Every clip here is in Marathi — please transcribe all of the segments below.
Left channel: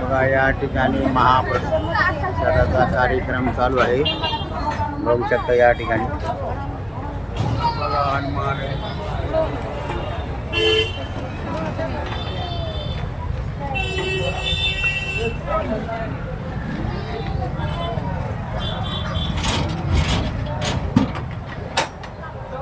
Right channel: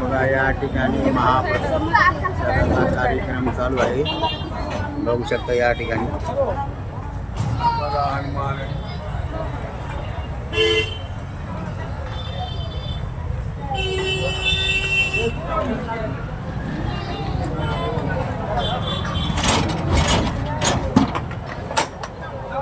बघा या ठिकाणी महाप्रसादाचा कार्यक्रम चालू आहे. बघू शकता या ठिकाणी. बघा हनुमान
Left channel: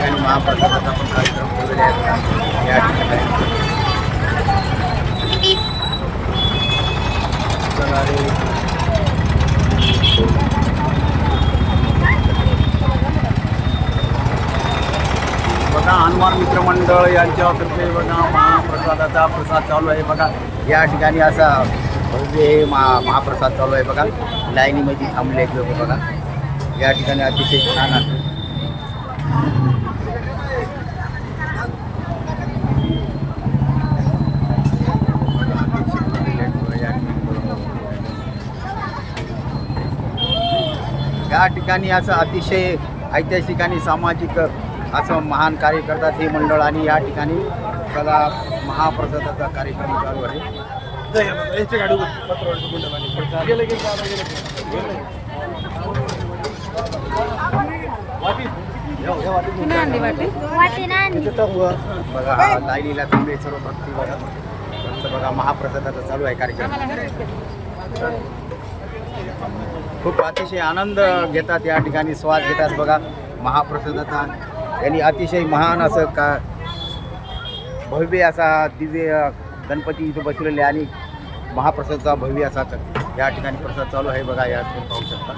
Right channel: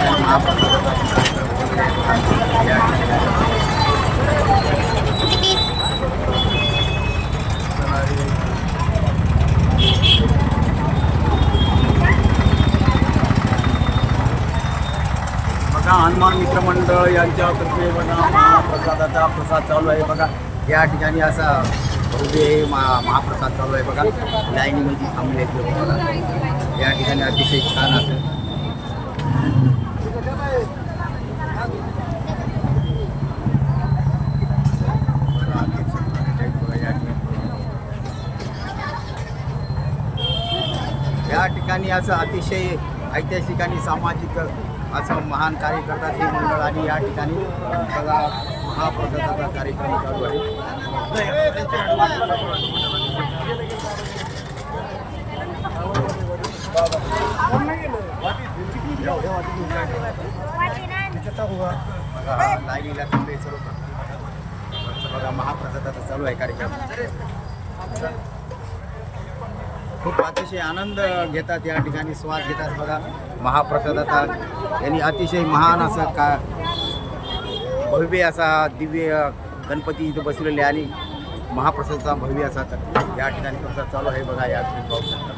ठिकाणी महाप्रसादाचा पण कार्यक्रम वगैरे आहे बघा. या ठिकाणी. बघा हनुमान मित्रमंडळ यांच्यातर्फे बघा महाप्रसादाचा प्रसाद चालू आहे बघा. या ठिकाणी असा भव्य हे महा महाप्रसाद चालू आहे बघा. लाईनीमध्ये थांबले आहेत लोक बघा. या ठिकाणी अतिशय छान असं बघा अतिशय थांबलेले आहेत बघा या ठिकाणी बघा पाऊस या ठिकाणी असं अतिशय ऐतिहासिक आणि सामाजिक असं महान कार्य करतात हे मंडळ आणि या ठिकाणी बघा महाप्रसादाचा कार्यक्रम चालू आहे. बघा हा लाईनीला थांबले सर्व भक्ती बघा. फक्त बघा महाप्रसादाचा चालू आहे कार्यक्रम. खूप अतिशय आनंद घेतात या ठिकाणी स्वाद घेतात बघा. महाप्रसादाचा यांनी अतिशय महान असं का भव्य असा दिव्य गणपती इथं बसलेले आणि महाप्रसादाचा भव्य असा या ठिकाणी प्रसाद चालू आहे बघा या ठिकाणी पाहू शकता.